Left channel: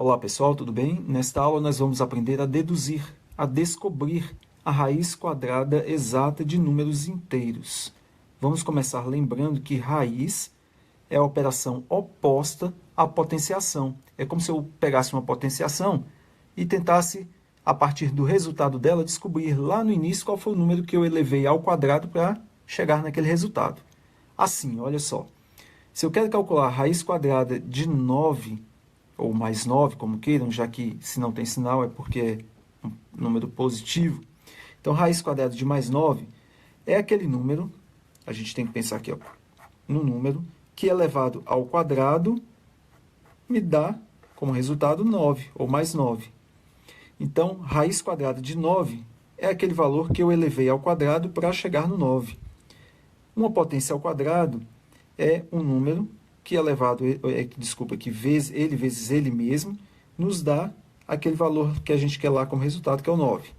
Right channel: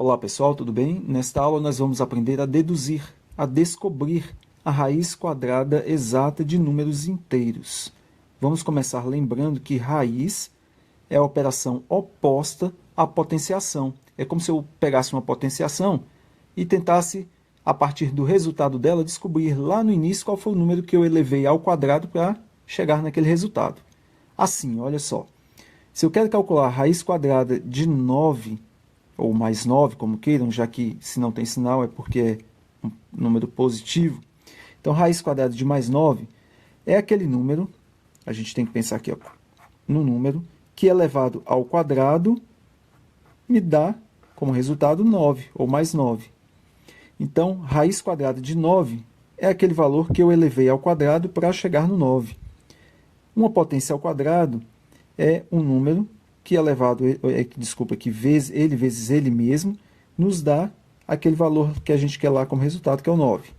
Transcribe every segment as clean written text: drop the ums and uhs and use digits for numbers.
Olá pessoal, tudo bem? Nesta aula nós vamos aprender a deduzir, a descobrir a raiz quadrada exata de números inteiros. Vamos começar lembrando que raiz é a operação oposta à potenciação. É como se eu pegasse uma potenciação e tentasse, a partir do resultado dela, descobrir lá no início qual foi o número que eu elevei ao quadrado para chegar naquele resultado. Assim, olha só, se eu quero calcular a raiz quadrada de 9, ou mais 9, como queiram, já que se não tem sinal é porque é um número positivo. Então, raiz quadrada de mais 9 é aquele número, a gente tem que pensar aqui, ó, no número, que elevado ao quadrado me dá como resultado 9, ou mais 9. Então, raiz quadrada de 9 é aquele valor que eu elevei ao quadrado para chegar no 9. Uma potência ao quadrado é um número que elevado, que vezes ele mesmo, nos dá aquele valor que a gente quer lá como resultado, que é o 9.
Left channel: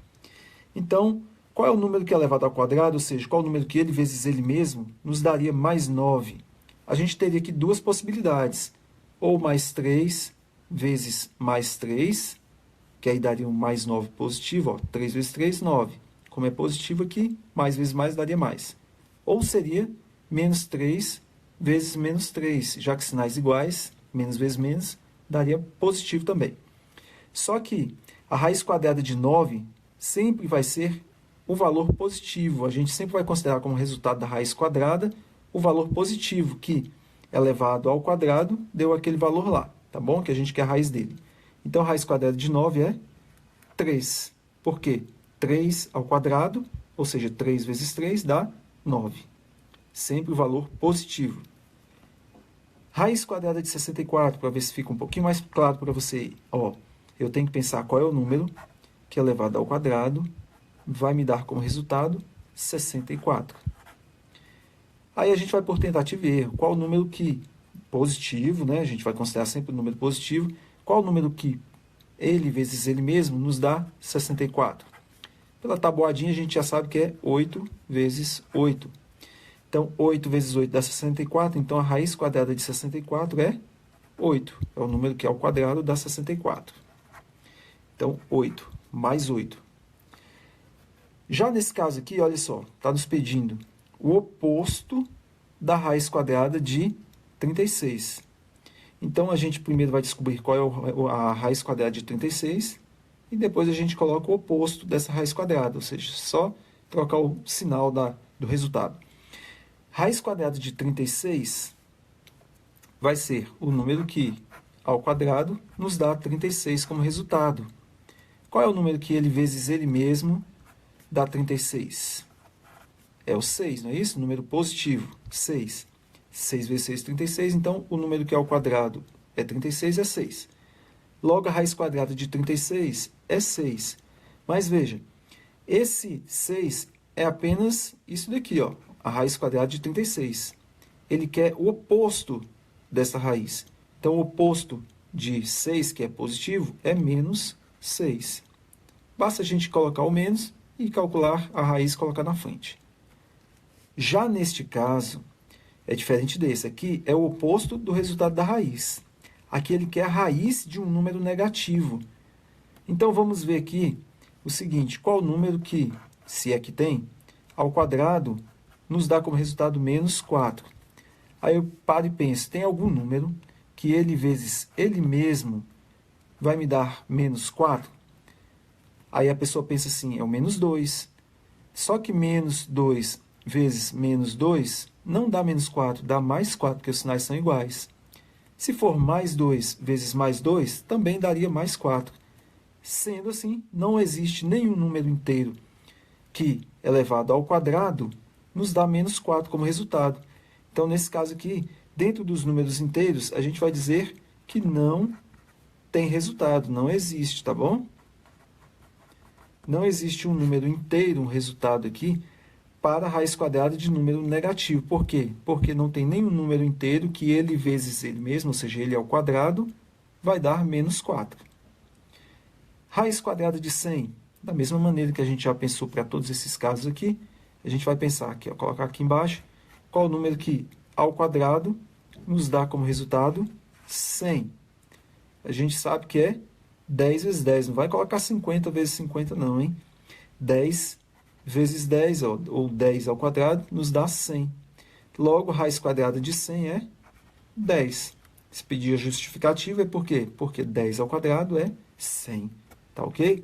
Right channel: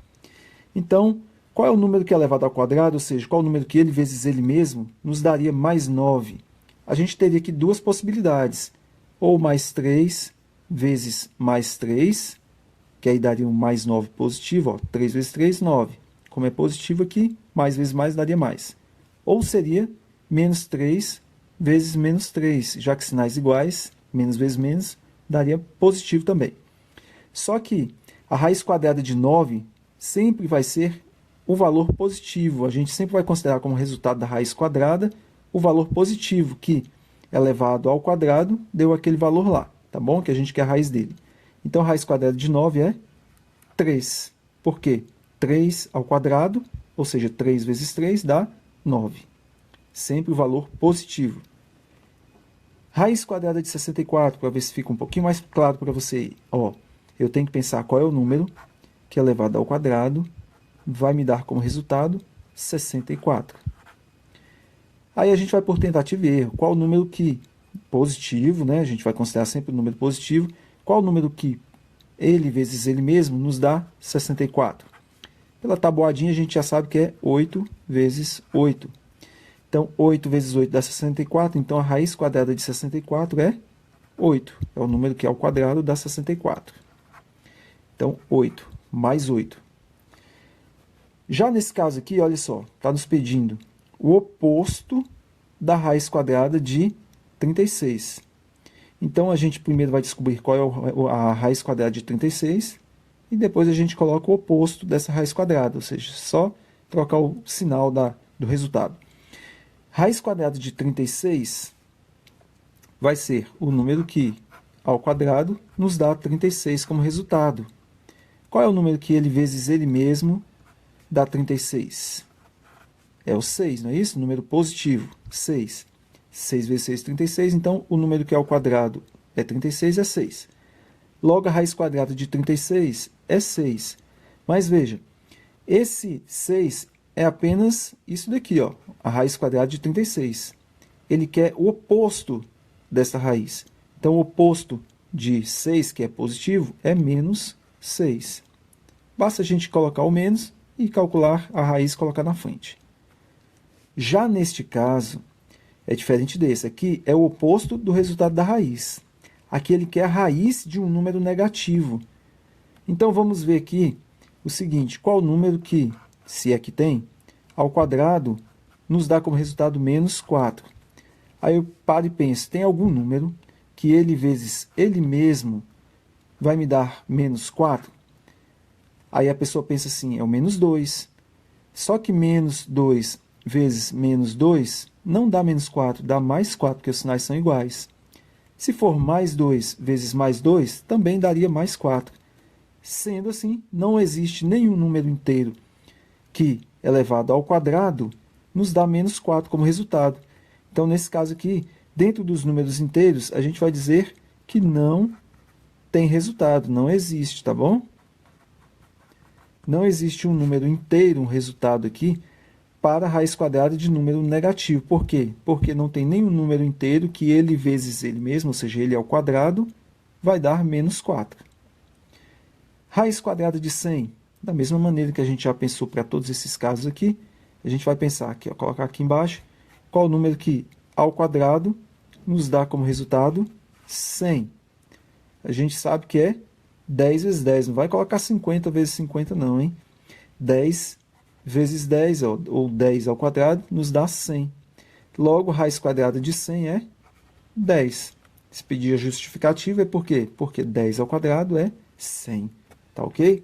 Então, qual é o número que é elevado ao quadrado, ou seja, qual é o número que ele vezes ele mesmo nos daria mais 9? A gente teria aqui duas possibilidades, ou mais 3 vezes mais 3, que aí daria um mais 9 positivo, ó, 3 vezes 3, 9. Como é positivo aqui, mais vezes mais daria mais. Ou seria menos 3 vezes menos 3, já que sinais iguais, menos vezes menos, daria positivo também. Só que a raiz quadrada de 9 sempre vai ser o valor positivo. A gente sempre vai considerar como resultado da raiz quadrada o valor positivo, que elevado ao quadrado deu aquele valor lá, tá bom? Que a gente quer a raiz dele. Então, a raiz quadrada de 9 é 3. Por quê? 3 ao quadrado, ou seja, 3 vezes 3 dá 9. Sempre o valor positivo. Raiz quadrada de 64, para ver se fica um pouquinho mais claro para você. Ó, eu tenho que pensar qual é o número que elevado ao quadrado vai me dar como resultado 64. Aí a gente vai por tentativa e erro. Qual o número que positivo, né? A gente vai considerar sempre o número positivo. Qual o número que ele vezes ele mesmo nos dá 64? Pela tabuadinha a gente já sabe que é 8 vezes 8. Então, 8 vezes 8 dá 64. Então, a raiz quadrada de 64 é 8. É o número que ao quadrado dá 64. Então, 8 mais 8. Já nesse caso aqui, olha só, está nos pedindo o oposto da raiz quadrada de 36. Então, a gente primeiro vai descobrir qual é a raiz quadrada de 36 e depois a gente coloca o oposto dessa raiz quadrada, ou seja, só trocar o sinal do resultado. Raiz quadrada de 36 vai ser o número que, ao quadrado, nos dá 36 como resultado. Qual é o número que ele vezes ele mesmo dá 36? É o 6, não é isso? Número positivo, 6. 6 vezes 6, 36. Então, o número que ao quadrado é 36, é 6. Logo, a raiz quadrada de 36 é 6. Mas veja, esse 6 é apenas isso daqui, ó, a raiz quadrada de 36. Ele quer o oposto dessa raiz. Então, o oposto de 6, que é positivo, é menos 6. Basta a gente colocar o menos e calcular a raiz e colocar na frente. Já neste caso, é diferente desse. Aqui é o oposto do resultado da raiz. Aqui ele quer a raiz de um número negativo. Então, vamos ver aqui o seguinte, qual o número que, se é que tem, ao quadrado, nos dá como resultado menos 4. Aí eu paro e penso, tem algum número que ele vezes ele mesmo vai me dar menos 4? Aí a pessoa pensa assim, é o menos 2. Só que menos 2 vezes menos 2 não dá menos 4, dá mais 4, porque os sinais são iguais. Se for mais 2 vezes mais 2, também daria mais 4. Sendo assim, não existe nenhum número inteiro que, elevado ao quadrado, nos dá menos 4 como resultado. Então, nesse caso aqui, dentro dos números inteiros, a gente vai dizer que não tem resultado, não existe, tá bom? Não existe um número inteiro, um resultado aqui, para a raiz quadrada de número negativo. Por quê? Porque não tem nenhum número inteiro que ele vezes ele mesmo, ou seja, ele ao quadrado, vai dar menos 4. Raiz quadrada de 100, da mesma maneira que a gente já pensou para todos esses casos aqui, a gente vai pensar aqui, ó, colocar aqui embaixo, qual o número que, ao quadrado, nos dá como resultado 100. a gente sabe que é 10 vezes 10. Não vai colocar 50 vezes 50 não, hein? 10 vezes 10, ou 10 ao quadrado, nos dá 100. Logo, raiz quadrada de 100 é 10. Se pedir a justificativa é por quê? Porque 10 ao quadrado é 100. Tá ok?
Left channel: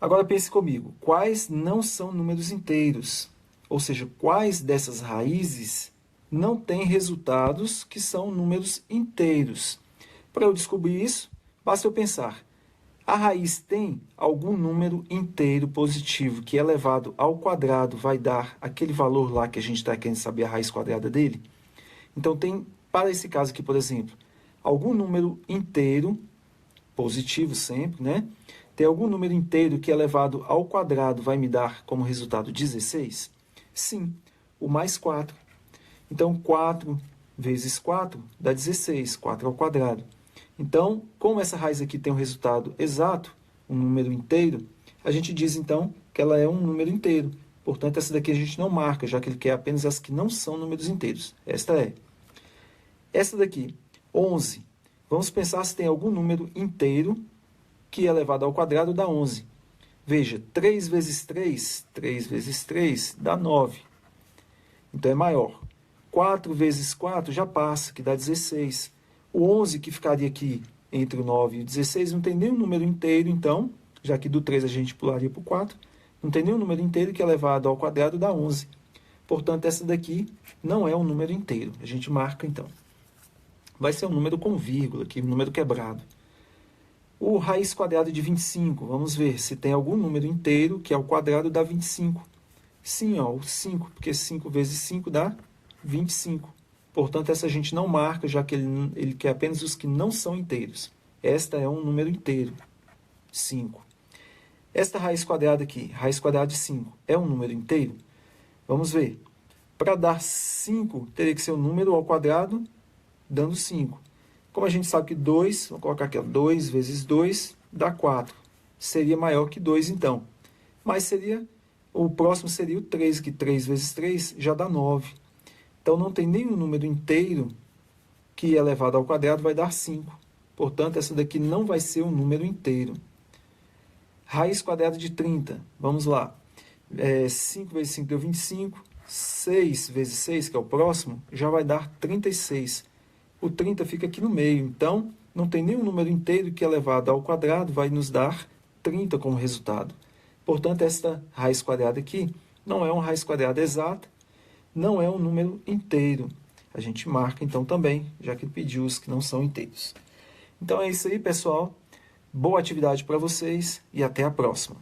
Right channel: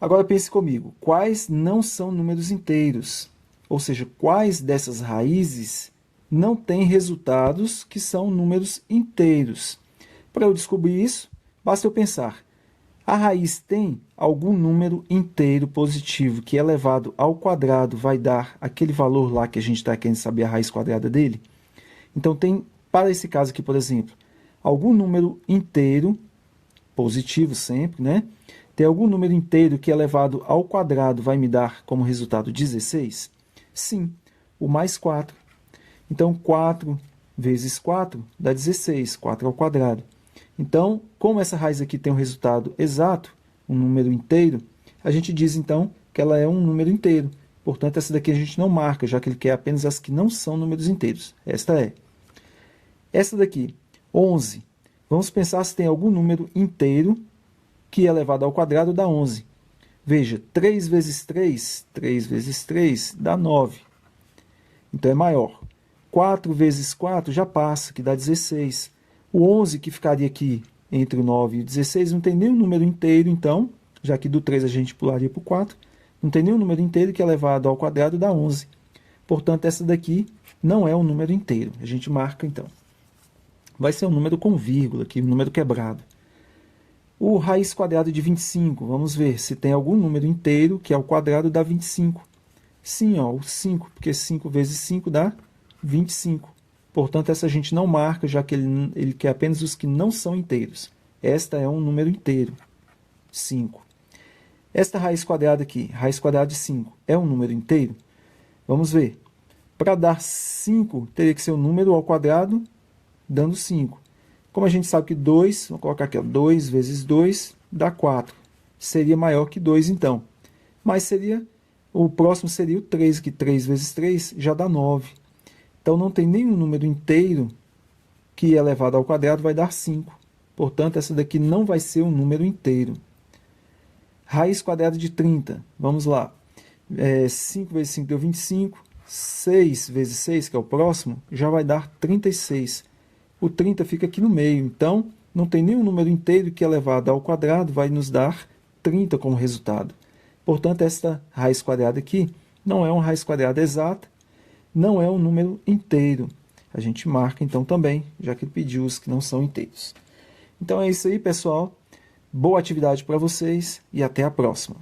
Agora pense comigo. Quais não são números inteiros? Ou seja, quais dessas raízes não têm resultados que são números inteiros? Para eu descobrir isso, basta eu pensar. A raiz tem algum número inteiro positivo que elevado ao quadrado vai dar aquele valor lá que a gente está querendo saber a raiz quadrada dele? Então, tem, para esse caso aqui, por exemplo, algum número inteiro, positivo sempre, né? Tem algum número inteiro que elevado ao quadrado vai me dar como resultado 16? Sim, o mais 4. Então, 4 vezes 4 dá 16, 4 ao quadrado. Então, como essa raiz aqui tem um resultado exato, um número inteiro, a gente diz, então, que ela é um número inteiro. Portanto, essa daqui a gente não marca, já que ele quer apenas as que não são números inteiros. Esta é. Essa daqui, 11. Vamos pensar se tem algum número inteiro que elevado ao quadrado dá 11. Veja, 3 vezes 3, 3 vezes 3 dá 9. Então, é maior. 4 vezes 4 já passa, que dá 16. O 11, que ficaria aqui entre o 9 e o 16, não tem nenhum número inteiro, então, já que do 3 a gente pularia para o 4, não tem nenhum número inteiro que elevado ao quadrado dá 11. Portanto, essa daqui não é um número inteiro. A gente marca, então. Vai ser um número com vírgula, aqui, um número quebrado. O raiz quadrada de 25, vamos ver se tem algum número inteiro que ao quadrado dá 25. Sim, ó, o 5, porque 5 vezes 5 dá 25. Portanto, essa a gente não marca, já que ele quer apenas os que não são inteiros. Esta é um número inteiro, 5. Esta raiz quadrada aqui, raiz quadrada de 5, é um número inteiro? Vamos ver. Para dar 5, teria que ser um número ao quadrado, dando 5. Como a gente sabe que 2, vou colocar aqui, ó, 2 vezes 2 dá 4. Seria maior que 2, então. Mas o próximo seria o 3, que 3 vezes 3 já dá 9. Então, não tem nenhum número inteiro que elevado ao quadrado vai dar 5. Portanto, essa daqui não vai ser um número inteiro. Raiz quadrada de 30. Vamos lá. 5 vezes 5 deu 25. 6 vezes 6, que é o próximo, já vai dar 36. O 30 fica aqui no meio. Então, não tem nenhum número inteiro que elevado ao quadrado vai nos dar 30 como resultado. Portanto, esta raiz quadrada aqui não é uma raiz quadrada exata, não é um número inteiro. A gente marca, então, também, já que ele pediu os que não são inteiros. Então, é isso aí, pessoal. Boa atividade para vocês e até a próxima.